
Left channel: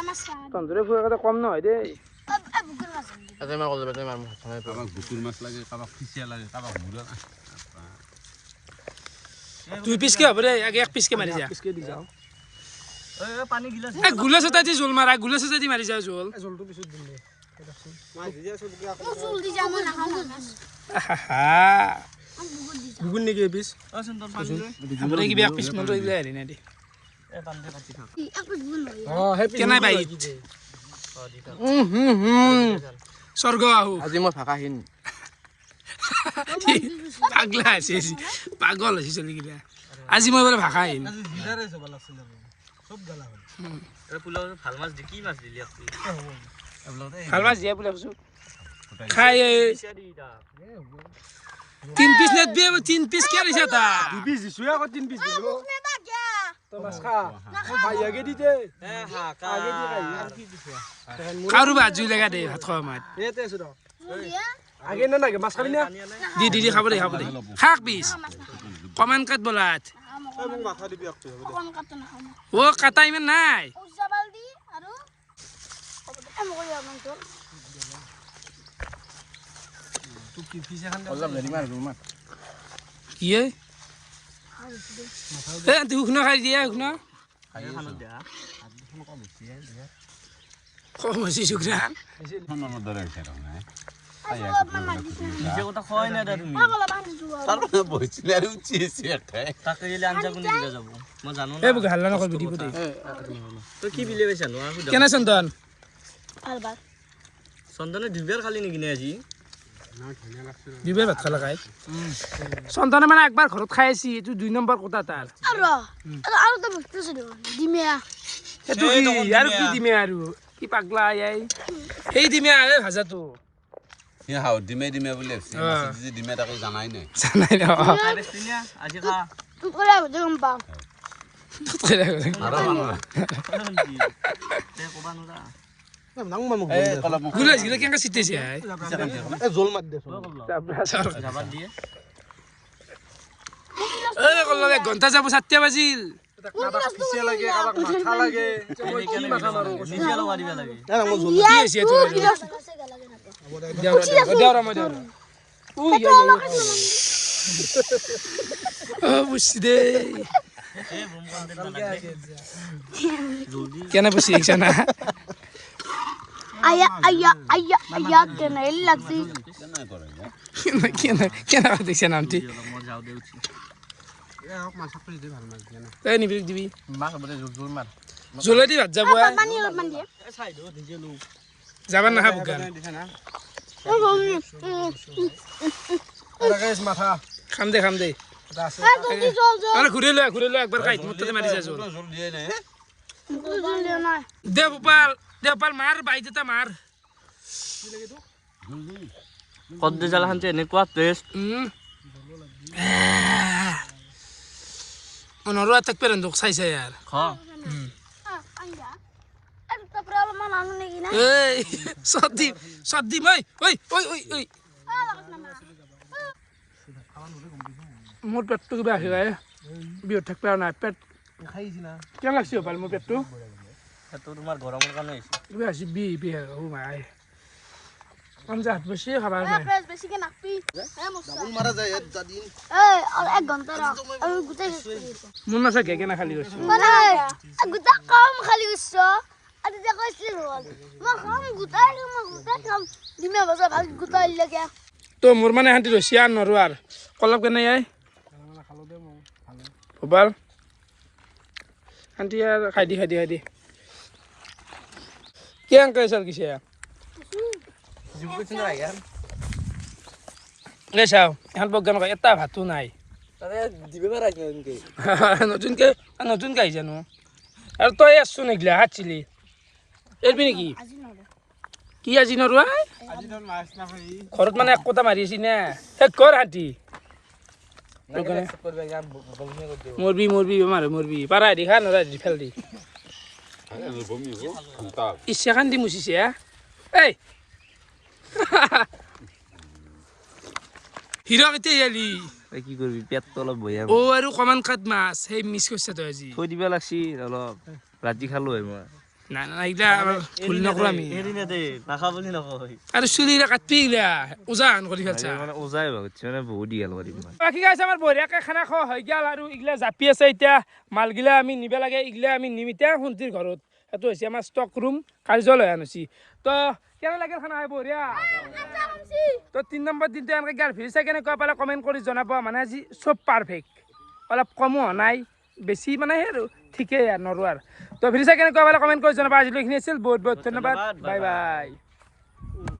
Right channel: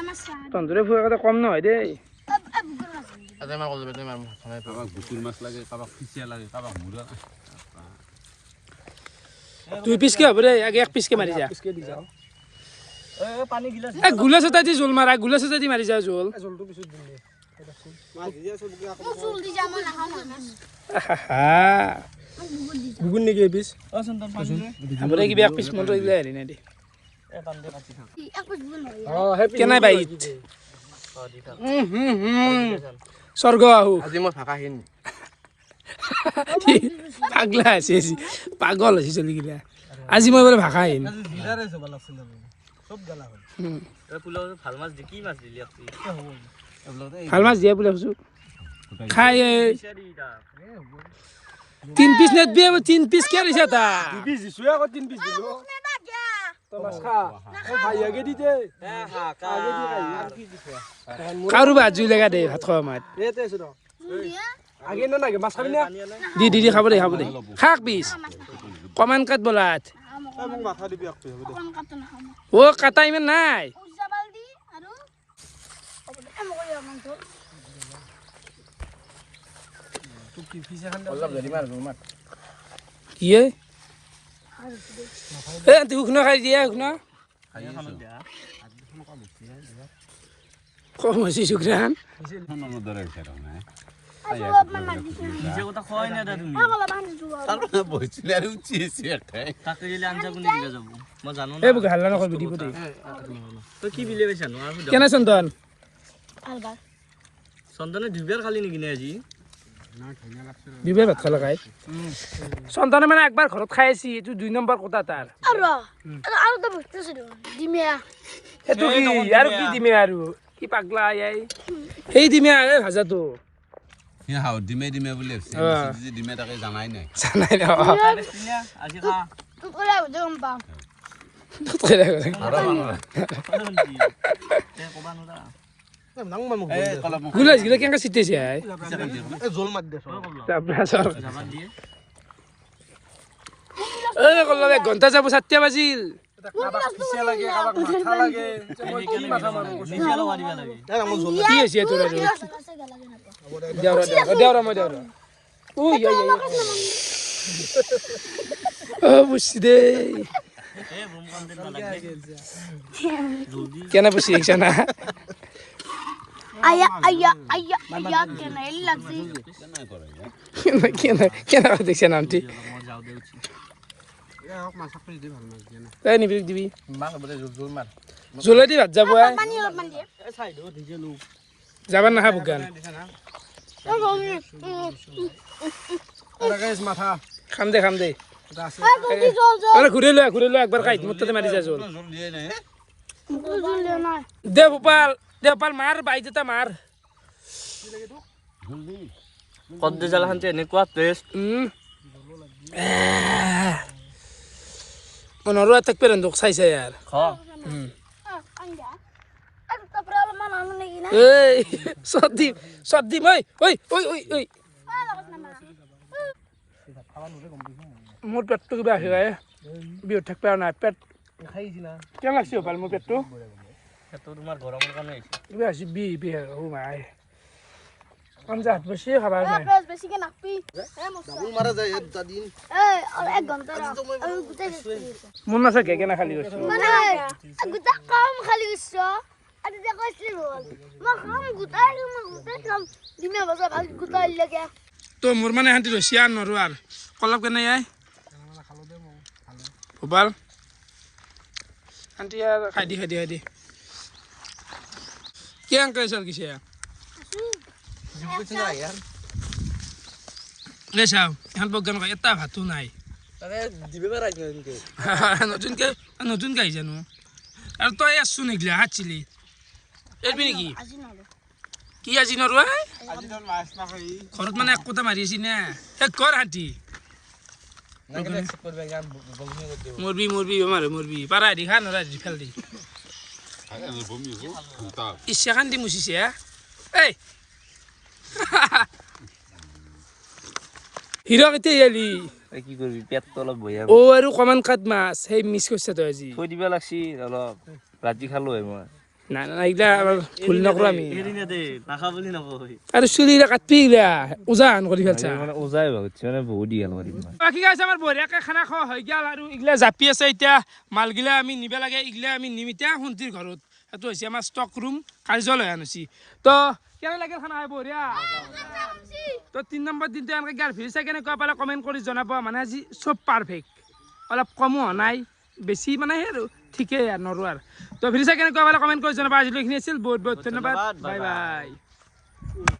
আমাসা তন্দুৰে ফুৰা কথা কম নহয় দেই তাতে মই ক'লো তাতে মই খাই কাৰোবাক বুকুৰ মাছ লাগে কাৰোবাক ফিচিয়া লাগে কাৰোবাক মূৰা 2 পিচকে হ'ব দেই আগে 1 পিচকে মাৰি যা পিছকে দি যাও পানী গিলাচ এই গুলাছ এটা দি জোল মাৰা গুলাছ এটা দি মাৰি যা জোল জলটো পিছত দিম দে জলদি যাবো না গুগুন নেকি এই পিছ আপুনি কিবা 1 পিচ মনটো এইবিলাক হেৰি নাই দে এক পিস গুণ হয় কেনাই বাইত স্বৰ্গ আহো আজি মই ভাষাহীন পাগলা আছে পাগল আছে চলিগিলা আজি মই বোলে ভাষা আহিন জিৰাৰে চব লাগছিল সব গালা হ'ল পোলাও ভাল মাছ দি কি মাছ দিলি আপনি ভাল মাছ দিয়া বোলে কৈছোঁ খাই 3 পিচ নেট বিয়ে 3 পিচ কিয় দিছে তা 2 পিছ দিছো আকৌ 3 পিছ দিলো নেবা গয়া তো মাছ খা ভাইয়াকে দি দে কাৰো ভাত জুই লগা দে ভাত খোৱা মাত এতে আছো ৰ জুলিয়া আগে না নাগে মাছ খাবি না দি খাব দে খাক পিচ কমান কাট বলাত মোক মাথা দিবি আপনি কোন কাট না খাম ও কাটা ইমান নাই উজাবালদি আৰু তো কি পিছ এখন দে ইয়ে এ তুই শুনা খাই দিয়া শুনা কম হৈছে শুক্ৰান দৰে হৈছে তাৰমানে নিজে কথা কয় না তুমি তাৰ বহিছিলে আৰু উঠিছে এটাই তাকে গেলে আঞ্জা কোনে দিলে যাব মই জানো না এই বুকে হাল্লা নকৰিবি দিব দে তই কি বিলে পাইছা নো কেনে চন্দন আলবা চন্দনে দুবাৰ খালি নেকি নে আজি বিবে ভাত খালা খাই চন্দনে মানে একবাৰ ঘৰত খাই আছি এইটো 2 নম্বৰ কথা তাৰ আৰু তো বস্তু আছে ডিমিয়া সেইটো কি আৰু কি দিমে আৰু কি পাগলা আই সেই দিমে ভাজাটো সি হাও ডিমে বুলি ভাবিছে ডিমে তাকে জানাই নাই জানাই ন আজি খা তুই কৰা গম পাম আৰু মানুহ কবা নোৰা নাং মানুহ এই কলপ গুলাছ গিলা কেনেকৈ চিটিছে এ জল মাৰ দে যাবাত দিয়ে এই কল্লা 1 ঘণ্টা যাব 7টা বাজিল কাবাক পিছে লাগে কাবাক মাথা লাগে মই কি মাথা মাৰো নিজে লগাই দিবা লাগে কি হৈছে তোৰ দেওৰা মই দেওৰা বুঝছি দে কেনে বুঝছি দেখছ না আয়া কেনে লাগছি কেনে দেখছ নামটি মই যাও দে উঠি তই নিবি দিবি মাছ বলে জোল মাৰ জোলে দি ভাত যাব পানী অলপ মান দিয়ে যাবাৰ নাখা বুগান মাথা খাম দে ঘূৰি লোৱা একবাৰ কাঁহিত মোৰ তাতে মাৰি যাইছো দে গোপাল মাৰ বাইত এটা মাৰ কদ্দে জালাখান যে এনেকুৱা টেষ্ট মনৰো এটাক পেৰেণ্ডক চাইছে ইয়াৰ খ এই সদ্দীপ ঐ মোৰ পেটটো কিবা আহি যায় বিহুত থাকিব পৰা নাই পেট খাইছি না কেনে লাগছে গোপাল মোৰ পেটটো সেইটো তোমাৰ গৰমৰ কাৰণে হৈছে কিবা আছে বি মাই আঞ্জা হাত বেছি খাবার নাই মারা যায় দিন মন আছে কেনে খালি গৈছো তো মোৰ মানে শান্তি ৰছি আৰু নৰো আৰু কলপ কেনে আই গোপাল শান্তি আৰু খাই দি কি আংকে চাল কিছে চাও এখন প্ৰগ্ৰাম এটা ভাতো নাই নতুনকে আহিছে নো আৰু তই আছো নেগিলা হাতছিলি এৰবি নেকি কি আজি নৰো ঘৰত মানে এক কথা মাৰি আছি না শেষ কৰ হাতী মৰবি মৰবি পাৰা দি খা নৰা দি ফেল দি ইচ্ছা খান দি মুচিছে এই হিৰ কেতিয়া আলি কি কৰিবি পেটটো অলপ বঢ়িয়া আৰু কমান কাট মাছ সেই মিছ কৰিছে তই আজি থৈ দিব লাগছিল অলপ ৰাতি খালো হয় মই নাই এইগিলা ভুল নকৰো আমি নাখা বুলি নকয় আৰু চুলিৰে কাটবি এইগিলা উজান কৰি ফেলছা ওজাই ভাবিছে মানে বহুত দীঘল কৰিম বাকী গাইছে আমাৰ বঢ়িয়াকে খানা খোৱা হৈ গ'ল আৰু এইগিলা জাপি আছে এতিয়া মালগিলা আমি নিব লাগে এইগিলা আমি নিম এতিয়া শুন্তিৰ ঘৰত সেইটো হৈছে আমাৰ ষ্টক ৰুম কাৰ্যালয় আনিছি তো কেনে লাগিল খানা হয় বঢ়িয়া তো 3 নম্বৰ দিনটো এনেকৈ গাৰ ভিৰ চাই কেনেকুৱা পালে কমেণ্ট কৰি জনাব মানে আজি চব পাৰফেক্ট অলপ কমো হোৱা নাই বেছি মানে সেই আৰু ঠিকেই আৰু নৰো আৰু তো ভিৰ চাই কেনেকুৱা পালে কমেণ্ট কৰি জনাব আজিলৈ এইখিনি আছিল বহুত ধন্যবাদ বাই